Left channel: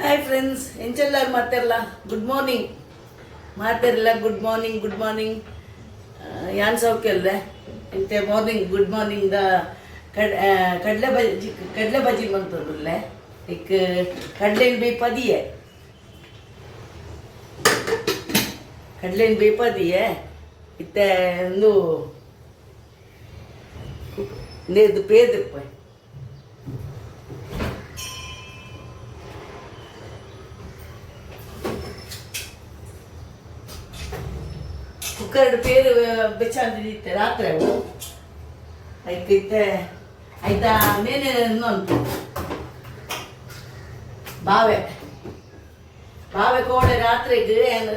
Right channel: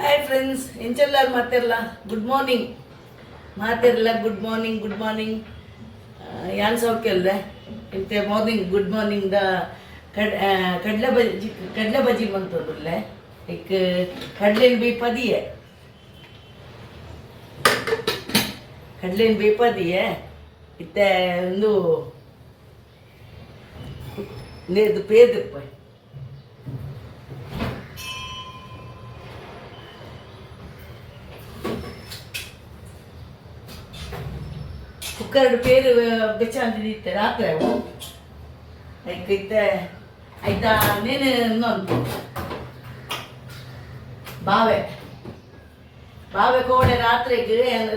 Hi friends ಎಂಚೆಲ್ಲರೂ ಮಾತಾರಲ್ಲ good morning ಮಾತಾರಲ್ಲ ಗುಡ್ ಮಾರ್ನಿಂಗ್ ಯಾನ್ ಸೌಖ್ಯ ಅಲ್ದೆ ಇಂತೆ ಮಾರ್ನಿಂಗ್ ಗುಡ್ ಮಾರ್ನಿಂಗ್ ದ ಕಡಲೆ ಬಜ್ಜಿ ಮಂತದಲ್ಲೇ ಈಗ ಕಡಲೆನ್ ಬೇಪದಿಯೇ ಇತ್ತೆ ಒಂದು ನೇದು ಪೇದಪ್ಪ ಕುಕ್ಕರ್ ಪೇರು ಬೆಚ್ಚಂತಿದ್ದೆ ರಾತ್ರಿ ಅವು ಐತೆ ಆಯ್ತಾ ನೇನು ಇನ್ನೊಂದು ಬಾವೆ ಕೋಡೆ ರಾತ್ರಿಗೆ ಏನು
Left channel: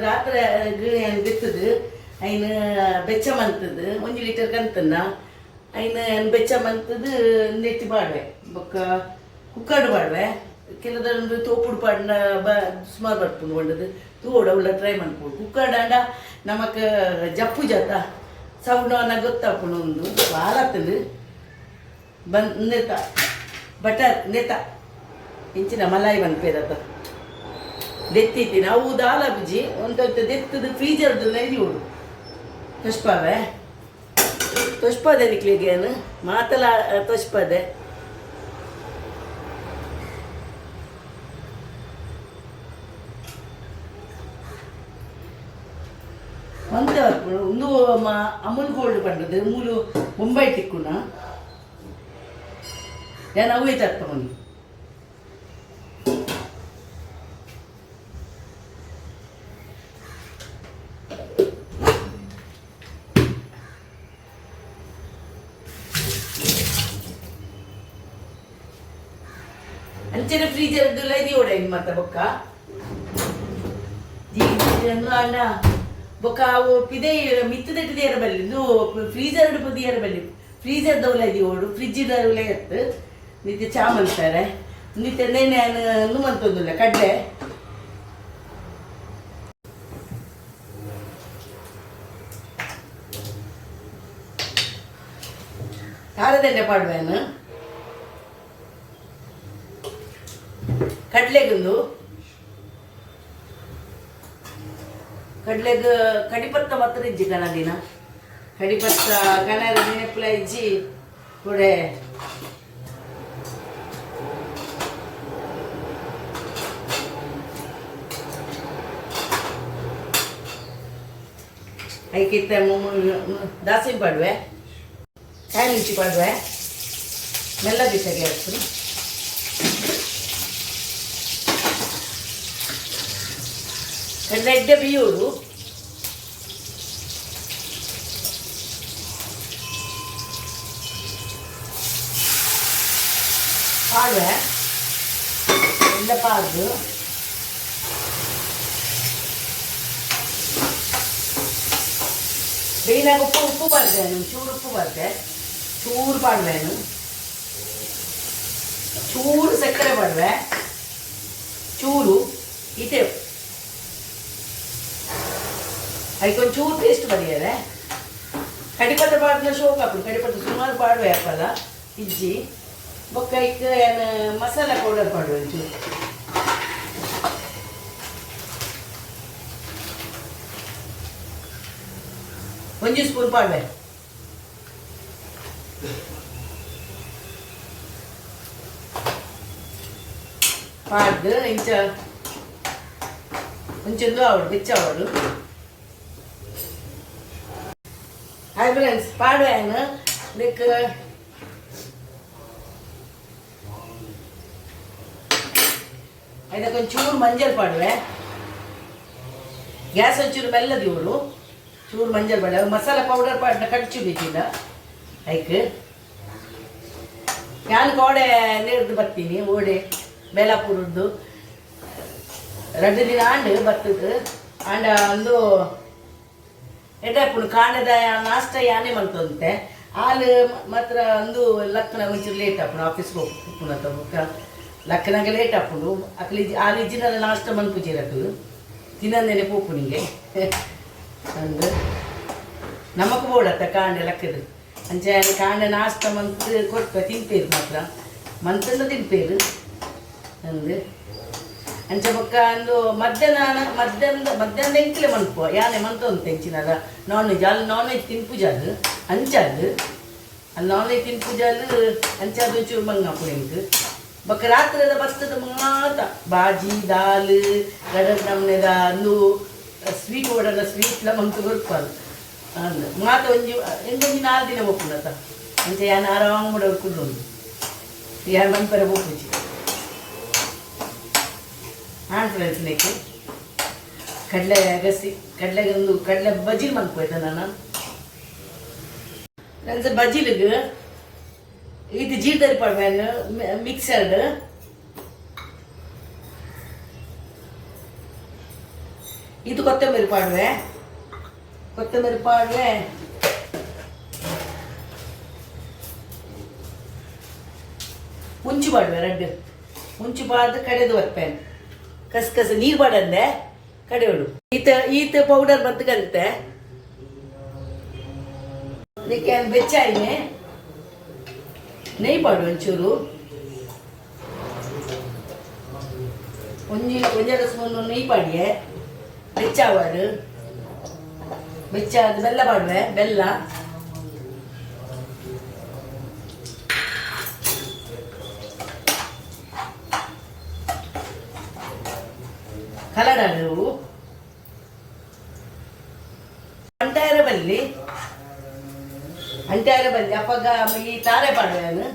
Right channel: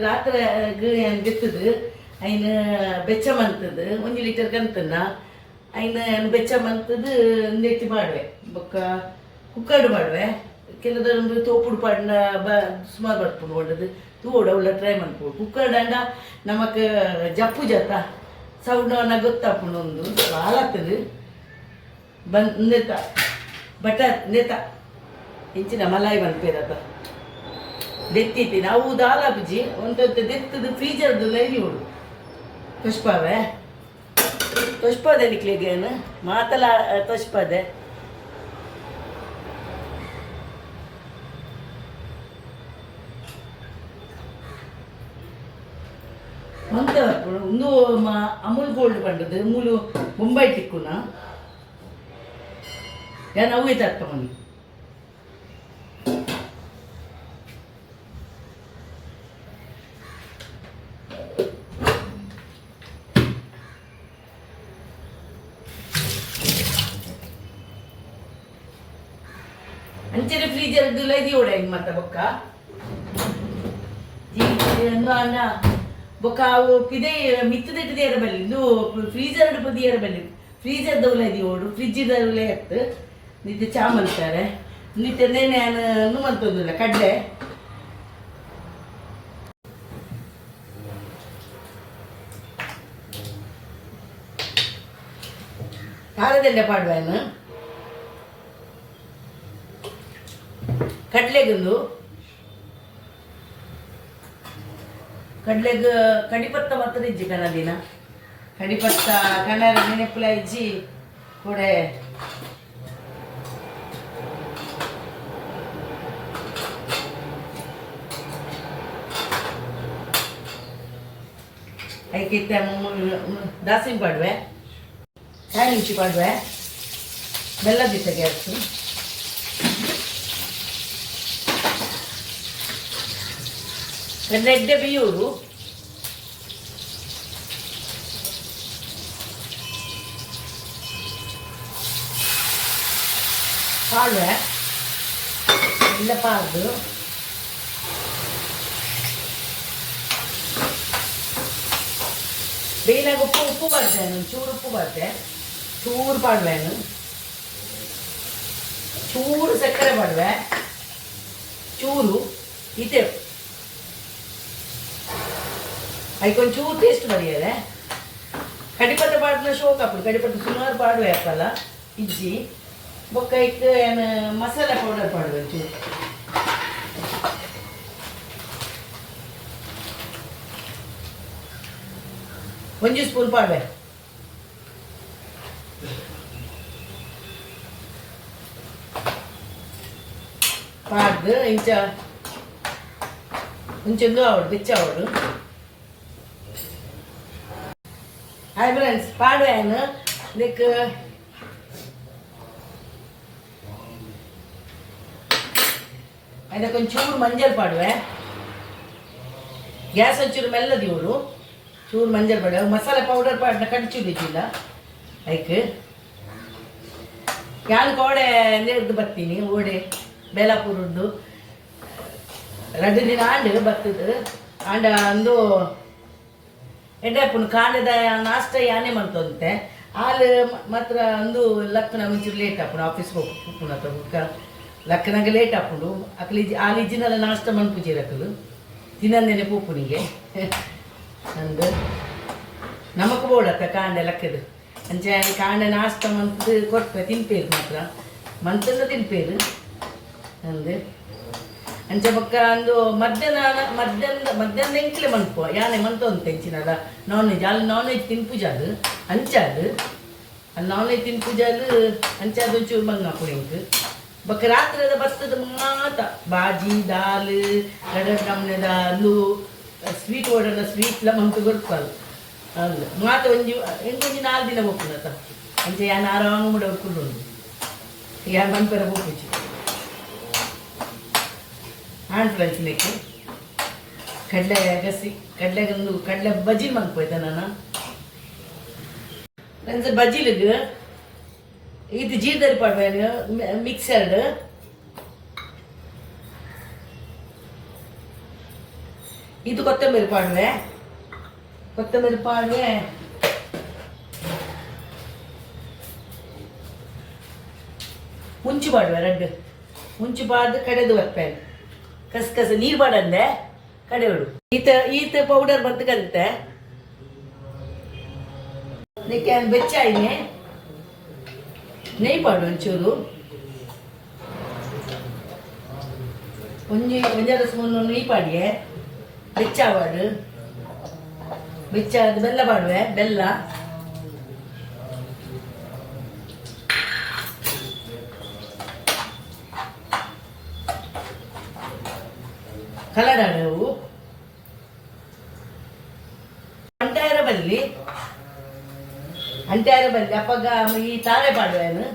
ಬಿತ್ತದು ಐನು ಬೆಚ್ಚ ಮಂತದ್ದು 1 ಲೀಟರ್ ಕಂತನ್ನ ಐನು ಬೆಚ್ಚ ಮಂತದ್ದು ನೆಟ್ಟಿ ಮಾಡುವೆ ಬೊಕ್ಕ ಕುಕ್ಕರ್ಡು ಮಾಡುವೆ ಕೆಲದೊಂದು ತೋಪುಡು ಪಾಡಿನ ಸುಮಾರು ಬರ್ಪುಂಡು ಒಳ್ಳದು ತೂಡ ಉಳ್ಳ ಟ್ರೈ ಮಾಡ್ಬೋದು ಕುಕ್ಕರ್ಡ್ ಅಂಡ ನಮಕ್ ಜಪ್ಪು ಜತ ಸೌಂಡ್ ಗೊತ್ತಾಪುಂಡು ಒಂದು ಭಾಳ ಆಗ್ತದೆ ನೆತ ಬಟರ್ ನೆತ ಇಂಚಿನ ಮಲಾಯಿ ಬಂದ್ಪೇರತ್ತ ದೆತ್ತಿತ್ತಿ ನಾವು ದಾಲ ಬುಜ್ಜಿ ಒಂದೊಂದು ದೆತ್ತದು ಫ್ರೀಜರ್ದು ನೈರಿ ಉಡು ತೊಷ್ಪದೆ ನಿಕ್ಲಿಗೇನು ಮಾತಲ ತೊಷ್ಪದೆ ಮಂತ ಒಂದು ಅಮೂಲ್ ಗೋಲ್ಡ್ ಪಂಡದು ಮೂಲು ಮುಂಬೈ ಟಿಕ್ಕುನ ನಾನು ಅವೇ ತರ್ಪಂಡು ಅಂಚನೆ ಫ್ರೀಜರ್ ಲೈದಿ ಓಡ ಇನ್ ಮತ್ತ ಬೊಕ್ಕ ಅಣ್ಣ ಬೊಕ್ಕ ಅವು ಪಿದೆ ಮಿತ್ತದಿಟ್ಟಿದೆ ಬಲ್ಲಿ ಇದು ಫ್ರೀಜರ್ ಪದಿಯರ ಬಲ್ಲಿ ಫ್ರೀಜರ್ ದೌಲೈದಿ ಓಡು ಫ್ರಿಜ್ ದೌಲೈ ಎತ್ತು ನಿತ್ಯ ಚಾ ಮಾಡ್ತಾರೆ ನಿತ್ಯ ನೆನೆ ಮಂತೊಂದಿಲ್ಲ ಕಡ್ಲೆ ಖಾರದೆಣ್ಣೆ ಪಾಡುವೇನು ಕಡ್ಲೆಗೊಂದು ಕಡಿಪತ್ತ ಮಾತ್ರ ಇಜ್ಜಿ ಕನದಿನ ಕಡಿಪತ್ತ ಕಣರ ನೆನಪುಲ ಇಜ್ಜಿ ಕೊಡೆ ಐಕಿತ್ತ ದಾಸಿನ ಪಾಡುವೆ ಹ್ಯಾಂಡ್ ಇಂಚಿ ಪಾಡುವೆ ಮೆಲ್ಲ ಬಿಸ ಗ್ಯಾಸ್ ಎಡ್ಡೆ ಬಿಯೂರು ಪಾಡುವೆ ಎಲ್ಲ ಪಾಡು ಬೇಯಿನಾಗ ಉಪ್ಪು ಬರ್ತೇನೆ ಚೂರು ಉಪ್ಪು ಬರ್ತೇ ಚೂರು ಪಾಡುವೆನು ಚೂರು ಸಕ್ಕರೆ ಪಾಡುವೆ ಚೂರು ಇದೇ ಅದಕ್ಕೊಂಚೂರು ಟೇಸ್ಟ್ ಬರೆಯದೆ ಕಡಿಪತ್ರ ಪಾಡಿನ ಶೋಕ್ ಹಾಕ್ಬಿಡು ಕಡಿಪತ್ರ ಸುಮಾರು ಪಾಡುವೆ ಅಪ್ಪಲ್ಲ ಇಜ್ಜಿ ಬೊಕ್ಕ ಇಕ್ಕ ಮಸಾಲ ಪೌಡರ್ ಪಾಡುವೆ ಒಂಚೂರು 1 ಸ್ಪೂನ್ ಪಾಡುವೆ ಪಾಡ್ದು ಇಂಚ ಒಂಚೊಂದು ಅವಡು ಬೆಚ್ಚ ಅವಡು ಹಾಯ್ ಫ್ರೆಂಡ್ಸ್ ಪಾಡುವೇನು ಇದಕ್ಕೆ ಅದಕ್ಕೊಂಚೂರು ಮಂಜಲ್ ಪಾಡುವೆ ಗ್ಯಾಸ್ ಒಂಚೂರು ಮೆಲ್ಲದಿ ಇವಳು ಚೂರು ಮಂಜಲ್ ಪಾಡುವೆ ಮಸಾಲೆ ಪೌಡರ್ ಪಾಡಿನ ಕಡಿಚು ಬಿದ್ದಿಲ್ಲ ಐಕ್ ಯಾನ್ ಕೋಡೆ ನೀರ್ದು ಬರ್ತೀನಿ ಓಡೆ ಬೇಲಾಪುರದ್ದು 2 ದಿನ ಆಂಡು ಬರ್ತದೆ ಆಂಡ ಒಂದು ಎಡ್ಡಪ್ಪನು ಕಾಂಡದ ನಾಷ್ಟ ಯಾನೇ ಮಂತಂತೆ ಹಾಲು ಮಾತ್ರ ಒಂದು ಲಕ್ಕನ ಮುಂಚೆ ಲೇಟ್ ಹಾಪುಂಡು ಆಫೀಸ್ಗೆ ಹೋಗ್ಪುನ ಬುಕ್ಕ ಲಕ್ಕನಾಗ ಲೇಟ್ ಹಾಪುಂಡು ಅಕ್ಲಿ ಹಾಲು ಇಜ್ಜಿನೆಲ್ಲ ನಾಷ್ಟ ಮನ್ಪುಜಿರಕಲು ತಿನ್ನಂದೇನೆ ಪೂಪುನಿಗೆ ಅಂದು ನಮಕ್ ಬೋಡತ್ತ ಕಾಂಡ ಲಕ್ಕದು ಅಂಚೆ ಕಾಂಡ ನಾಷ್ಟ ಮಂತ್ ಕೊಡ್ಪ ತಿನ್ಪೇರು ಮಾತ್ರ ಮಂತೆಲ್ಲ ತಿನ್ಪೇರು ಅಂದು ಅಂಚೆ ಬೊಕ್ಕ ಅಂದು ಮಧ್ಯಾಹ್ನ ಎಂಕ್ಲೆ ಮನ್ಪುವ ಯಾನೆ ಮಂತ ಒಂದು ತೆಂಚಿನಲ್ಲ ನಾನ್ ವೆಜ್ ಅಲ್ಲಿ ನಾನ್ ವೆಜ್ ತಿನ್ಪುಜಲ್ ಅಂಚದು ಅಲ್ಲಿ ನಾನ್ ವೆಜ್ ತಿನ್ಪುಜಲ್ ಅಂಚದು ಒಂಚೂರು ಮಂಗಾಪುರ ಎಂಕ್ ಬೊಕ್ಕ ರಾತ್ರಿದ ಬತ್ತದ ಮಾತ ಬಾಜಿ ದಾಲ್ ಗಡದ ನಮ್ನೆದ ಅಂದು ಸ್ವೀಟ್ ಓಡಲ್ಲ ಸ್ವೀಟ್ಲ ಮಂತು ಗೊರ್ಪಲ್ ಅಂದು ಮಾತ ಒಂಜಿ ಎಂಗೊಂಜಿ 4 ದಿನ ಬೋಪುನತ ಅಂಚೆ ಯಾನ್ ಆರಾಮ ಮುಡ ಕುಲ್ಲೊಂದು ಯಾನ್ ಮನ್ಪರ ಬೋಪುಜಿ ಫ್ರೆಂಡ್ಸ್ನೇಕೆ ಕಡಲೆ ಗಸಿ ಕಡಲೆಗೊಂದು ಕಡಲೆ ಬಜ್ಜಿ ಮನ್ಪೋಯ್ತ ನಾನು ಫ್ರೆಂಡ್ಸ್ ಬಜ್ಜಿಲಿಗೆ ಇದು ಜೀರ್ದಲ್ಲಿ ಪಡ್ಬೇನು ಮಿಕ್ಸರ್ಡ್ ಇದು ಕೊತ್ತಂಬರಿ ಪಾಡುವೆ ಮುಂಚು ಪಾಡುವೆ ರೆಡ್ ಮುಂಚು ಪಾಡ್ದು ಕಡೆದು ಬರ್ಪೇನೆ ಕಸ ನೀರು ಬಾಡಂದೆ ಕಡೆಯೋಡು ಈತ ಪೌಡರ್ ಬಂತು ಕಲಿತೆ ಅದಕ್ಕೆ ಬೆಚ್ಚಾಯಿನೆ ನೆಯ್ ಪಾಡು ಒಂಚೂರು ಒಂದೆರಡು ಸ್ಪೂನ್ ನೆಯ್ ಪಾಡಿಯೆ ಬೆಚ್ಚಾವಾಡು ಬೆಚ್ಚಾದ ಬೆಲ್ಲ ಪಾಡುವೆ ಬೆಲ್ಲ ಕಲಡವು ಅಂಟಾಯರ ಬಲ್ಲಿ ಅಪ್ಪಗ ಈ ತಾರೆ ಪಾಡುವೆನು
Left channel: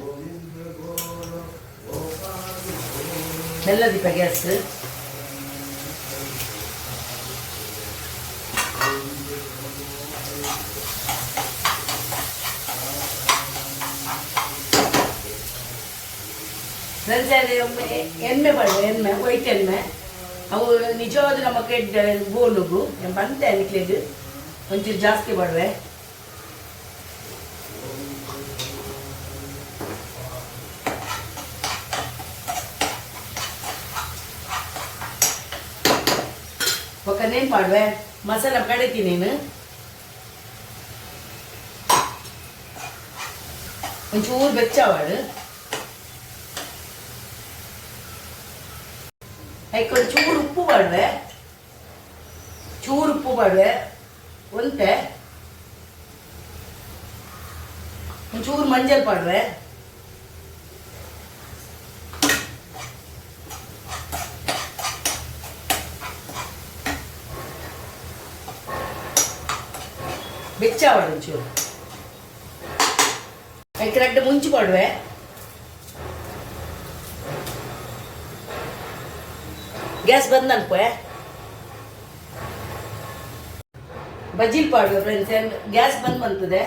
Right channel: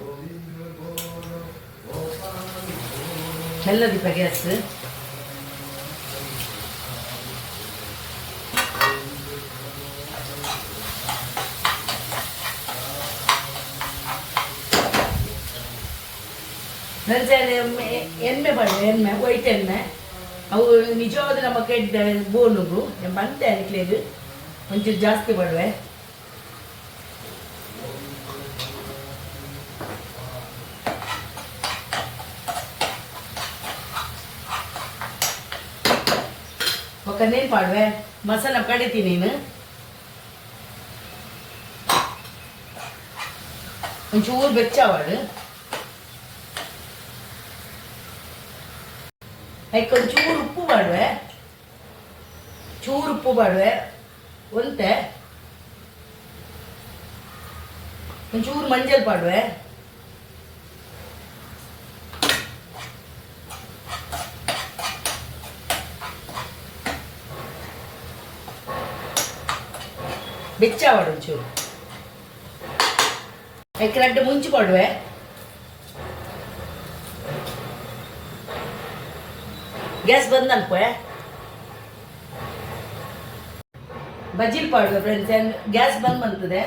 ಮೆಲ್ಲದಿಪ್ಪ ಗ್ಯಾಸ್ ಎಣ್ಣೆ ಪಾಡುವೆ ಎಣ್ಣೆ ವೈಟ್ ಎಣ್ಣೆ ಅವು ನಿಜವಾದ ನಮ್ಮ ಕೆಡ್ಡ ಗೋಲುಗು ಬಂತೆ ಅನ್ಕ್ಲೇದು ಒಂಚೂರು ಜಾಸ್ತಿ ಮಾಡುವೆ ಒಕ್ಕನೇನು ಮಾಡುವೆ ಮಸಾಲ ಕಡಿತೀನಿ ನೀನು ಒಂಚೂರು ಬೆಚ್ಚವಾಡು ಅದಕ್ಕೊಂದು ಚೂರು ಉಪ್ಪು ಬಾಡುವೆ ಒಂತೆ ಒಂಚೂರು ಮಂಜಲ್ ಪಾಡುವೆ ಬೆಚ್ಚಾವಾಡು ಒಂಚೂರು ಅದಕ್ಕೆ 2 ಮುಂಚು ಪಾಡುವೆ ಗ್ಯಾಸ್ ಬಂದ್ ಅನ್ಪೆ ಬಜ್ಜಿಲ್ ಪಾಡುವೆ ಫ್ರೆಂಡ್ಸ್ ಗ್ಯಾಸ್ ಬಂದ್ ಬಂತದೆ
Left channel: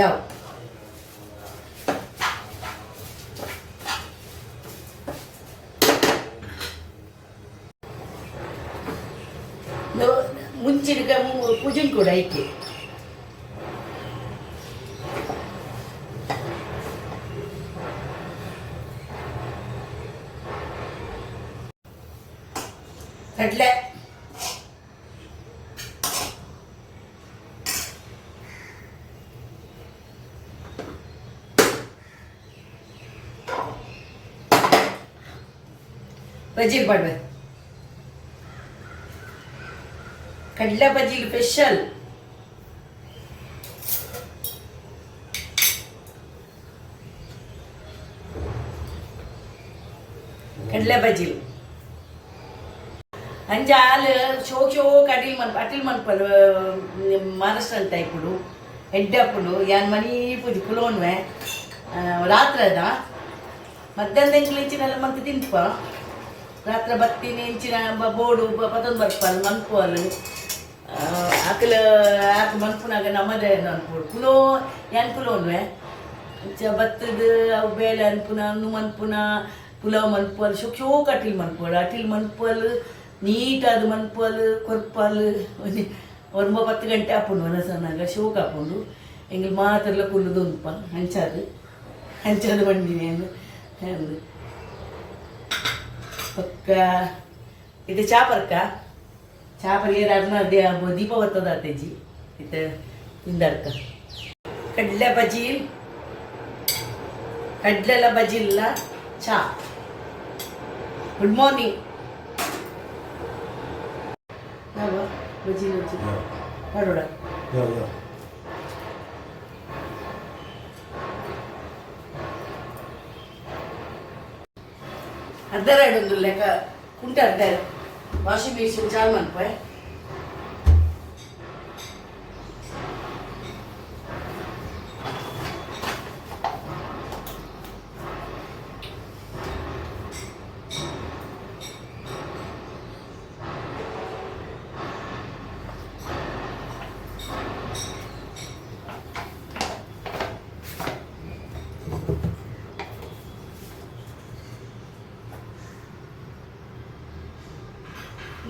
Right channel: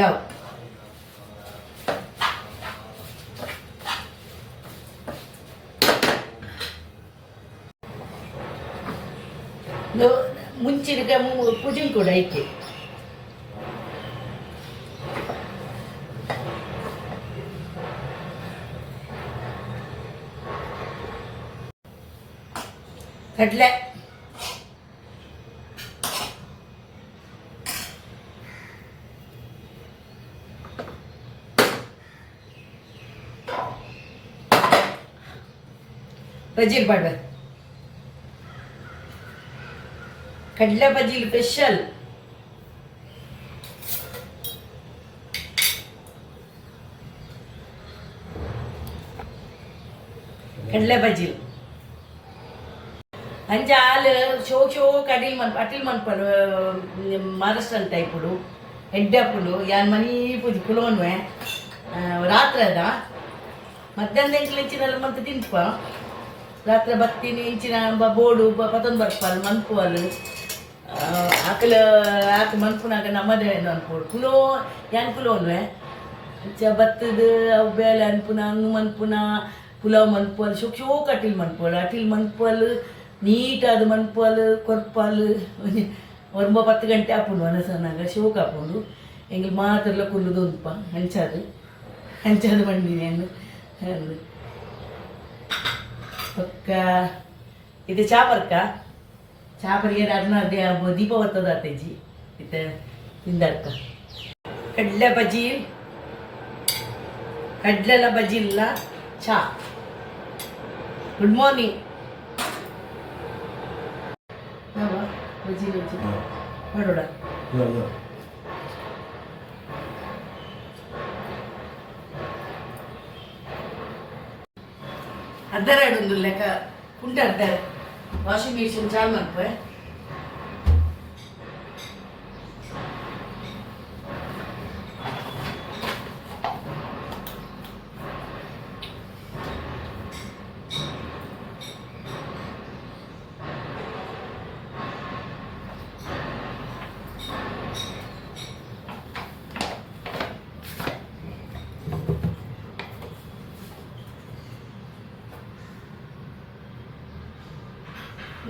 ಯಾವ ಮುಂಚಿನ ಪೂಜಿನ್ ಕೂಡ ಐತಿ ಕಡಲೆ ಬಜ್ಜಿ ಪಾಡುವೆ ಕಡಲೆ ಬಜ್ಜಿ ಸ್ಪೆಷಲ್ ಕಡಲೆ ಬಜ್ಜಿ ಅಂಚೆ ಹಾಲು ಶೋಕ್ ಅಟಿಲ್ ಮನ್ಪಲ್ ಮಹಾರಾಷ್ಟ್ರ ಅಂತ ಇಪ್ಪುಡು ಎಡ್ಡಪ್ಪುಡು ಯಾನ್ ಮನಿ ಪೂಜೆ ಕುಲೋನ್ವೆ ರಾತ್ರಿ ಅದ ಮಧ್ಯಾಹ್ನ ಎಂಕ್ಲು ಇಂಚಿನೆಲ್ಲ ಮಂತ್ ತಿಂತ್ಪ ರಾತ್ರಿ ಬತ್ತಿನ ಇಂಚಿನ ಬೋಡು ಪತೊಂದು ಬರ್ಪಲ್ ಮನ್ಪುವಲ್ ಆಕ ಮನ್ಪುನಾಗ ನಮ್ಮದೇ ಅನ್ಪೋಡು ಕುಲೋ ಯಾನ್ ಕುಲೋನ್ವೆ ಬತ್ತದ ಅವು ಬೇಳೆ ಅನ್ಪುನ ಅನ್ನು ಮನ್ಪುನ ಪುಲಾವ್ ಮನ್ಪಲ್ ಶೋಕ್ ಅಟಿಲ್ ಮನ್ಪಲ್ ನೀಟಾದ ಮನ್ಪಲ್ ಕೊರ್ಪಲ್ ಒಂದು 10 ಗಂಟೆ ಹಾಪುಂಡು ಮನಸ್ಸನ್ನಾಗ ಶೋಕ್ ಹಾಪುಂಡು ಎಂಗ್ಳು ಮಾತೆಲ್ಲ ಕುಲ್ಲುದು ಉಂಪ ಹಂಚಾದು ಬಂದಿನಿ ಅಂದು ಪಕ್ಕ ಇದು ಚಾಪರ್ ಏರಾದ್ನ ಅದೇ ದೀಪ ಬರ್ತದ ಅತ್ತೇಜಿ ಇತ್ತ ತಿಂದಡ್ಕ ಕಡಲೆ ಬಜ್ಜಿ ಕಡಲೆಲ್ಲ ಬಜ್ಜಿ ಇಲ್ಲ ಚಾ. Good morning. ಬಜ್ಜಿ ಬಜ್ಜಿ ಮಾಡೋಣ. ಅರ್ಧರಾಡೊಂದು ಲೆಕ್ಕ ಕುಂಟ ಅರ್ಧ ವಾಷಿಂಗ್ ಮಿಷಿನ್ ಚಾಲು ಮಾಡ್ಪೆ.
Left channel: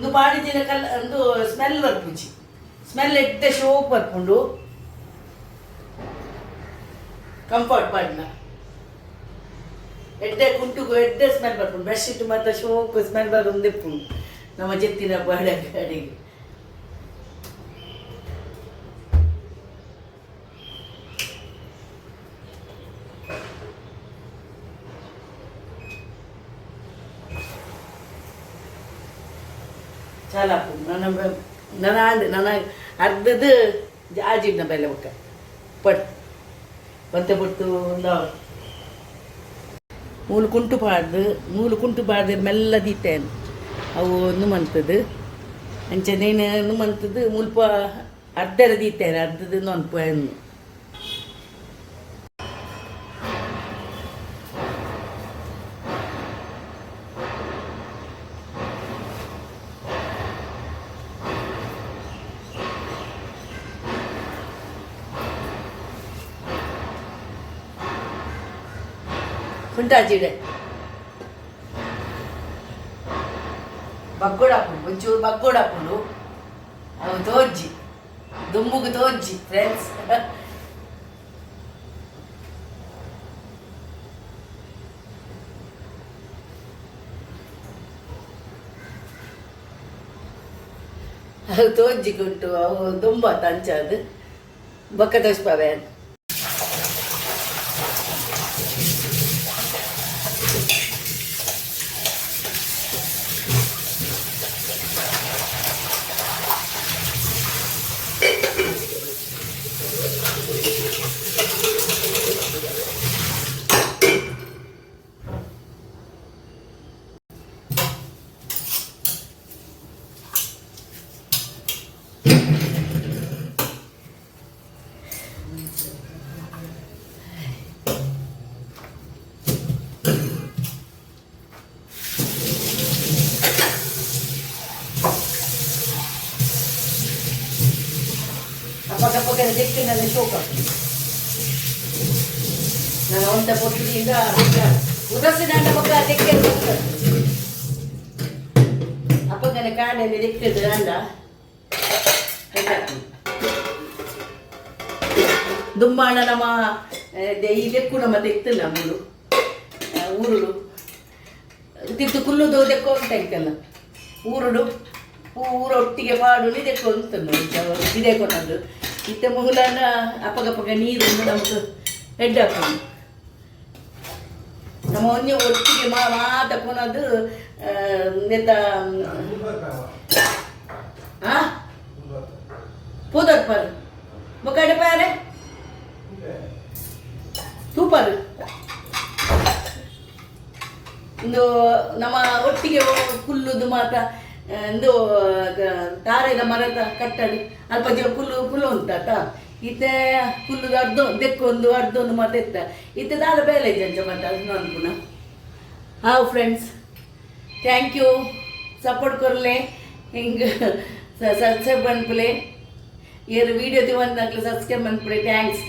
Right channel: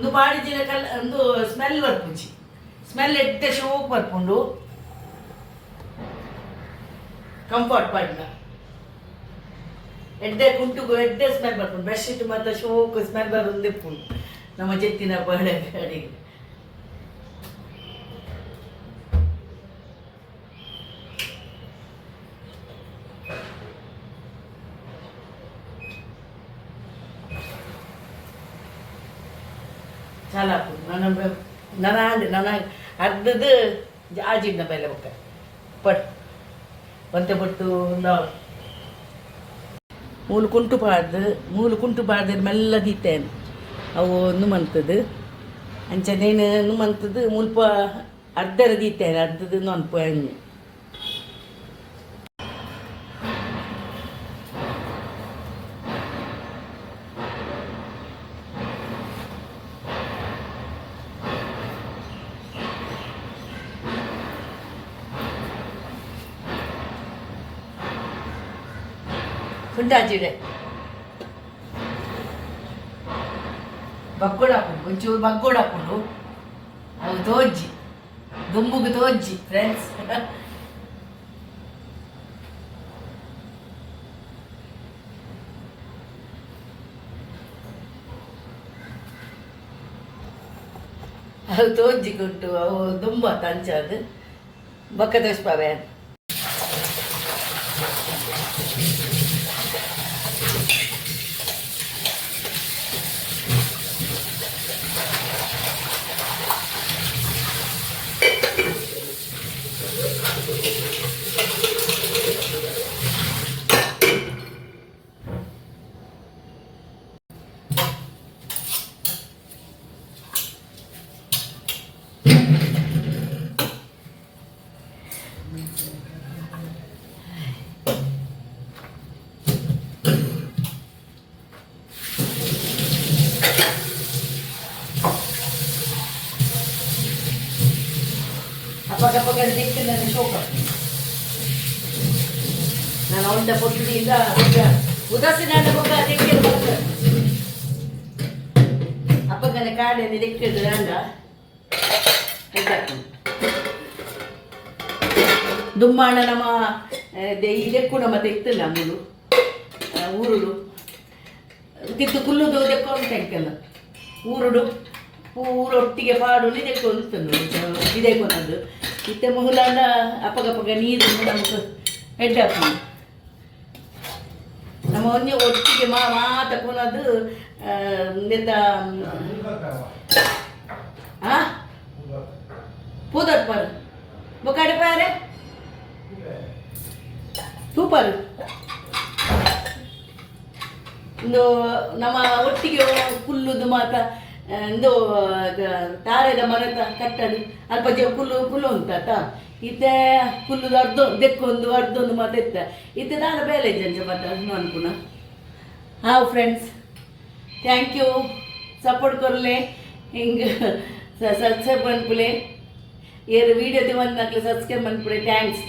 ಒಂದು ಪಾಡಿದಿನ ಒಂದು ಸ್ಮೆಲ್ ಬರ್ಪುಜಿ, ಸ್ಮೆಲ್ ಎಡ್ಡೆ ಶೋಕ್ ಬರ್ಪುಂಡು ಕಂಫರ್ಟ್ ಪಾಡಿನ ಎಡ್ಡೆ ಕುಂಟುಗು ಎಡ್ಡೆ ಸ್ಮೆಲ್ ಬರ್ಪುಂಡು. ಬೆಡ್ಶೀಟ್ ಮಾತ್ರ ಶೋಕ್ ಸ್ಮೆಲ್ ಬರುಂದಿಪ್ಪುಂಡು ನಮ್ಮ ಜೆತ್ತಿನ ಪಾಡೆ ಕಡೆಗೆ. ಚಾಲಾಕು ನನ್ನ ಅರ್ಧದ್ದು ಆಜಿನ ಬೆಲೆ ಒಕ್ಕ ಪಟ್ ಒಂತೆ ಪಟ್ಟು ಮೂಲು ಕುಂಟು ಪಾಡ್ದು ಮೆಲ್ಲ ದೀತೇನು ಅವು ನುಮಂತದ್ದು ಅಂಚನೇನು ನುಮಂತದ್ದು ಮುಲ್ಪ ಅರ್ಧರ ದೀತೇನೆ ಅರ್ಧದ್ದು ನೊನ್ಪು ಹೆಣ್ಣು ಸುಂಟಾಜಿಡೆ ಬಗ್ಗೋಡಾಪುಂಡು ಒಂಚೂರು ಬಗ್ಗೋಡಾಪುಂಡು ಅವು ತೋಜ್ಜಿ ದುಂಬುಗು ತೋಜ್ಜಿ ಫ್ರೆಂಡ್ಸ್. ಅವು ತೋಜ್ಜಿಗುಂಟು ಅವು ದುಂಬ ತಂಚದು ಬೊಕ್ಕ ತೋಸ್ಪಾವೆ. Apakah dikit dan shoka. Nah, untuk putih ini udah sih ada bakal dikit bakal. Apakah nak ada dikit dan anda? Tidak. Dummana nama ini pun nama dikit lah mulu. Urulu. Kita kullu do dekor tengkelah. Urulu. ಪೂರೊಟ್ಟಿಗೆ ಪಾಡುಲಿ ತೆಕ್ಕೊಂತಂದು ಇದೇ ಕೊನದು ಇತ್ತ ಮುಹುಲಾನ ಅಪ್ಪಗಪ್ಪಗ ನೀರು ನಮ್ಗೆ head ಹಾಕೊಂಡು ನಮ್ಮ ಒಂಜೆ ಒಟ್ಟಿಗೆ ಮಾತಕ್ಕೊನದು ನೆತ್ತ ಪೂದರ್ಪಾರು ಮೊಕಡೆ ಪಾರೆ ತೂಪಾರು ಒಂದು ನಮ್ಮ ಒಟ್ಟಿಗೆ ಕುಲ್ಲುದು ಮಾತ ಒಂದು ತಾರೆದ ಮರದ ಕಟ್ಟಡಿ ಅಲ್ಪ ಕುಲ್ಲು ಉಂಟ ಇತ್ತೆ ಕುಲ್ಲುದು ದೆಕ್ಕೊಂದು ಅರ್ಧೊಂದು ಮತ್ತೆ ಎತ್ತ ಇತ್ತೆ ದಾರ ಬೇಲೆ ಜಂಜ ಮತ್ತೆ ಅದನ್ನು ಅನ್ಪುನ. ಹಾವ್ ಫ್ರೆಂಡ್ಸ್, ಥ್ಯಾಂಕ್ ಯು ಸಪೋರ್ಟ್ ಕೊರ್ಲೆ ಹಿಂಗೆ ಸಬ್ಸ್ಕ್ರೈಬ್ ಅನ್ಪುಲೆ ಏರು ವೀಡಿಯೋ ದಿವಂದಾಗಲಿ ಸಬ್ಸ್ಕ್ರೈಬ್ ಅನ್ಪುಲೆ. ಥ್ಯಾಂಕ್ಸ್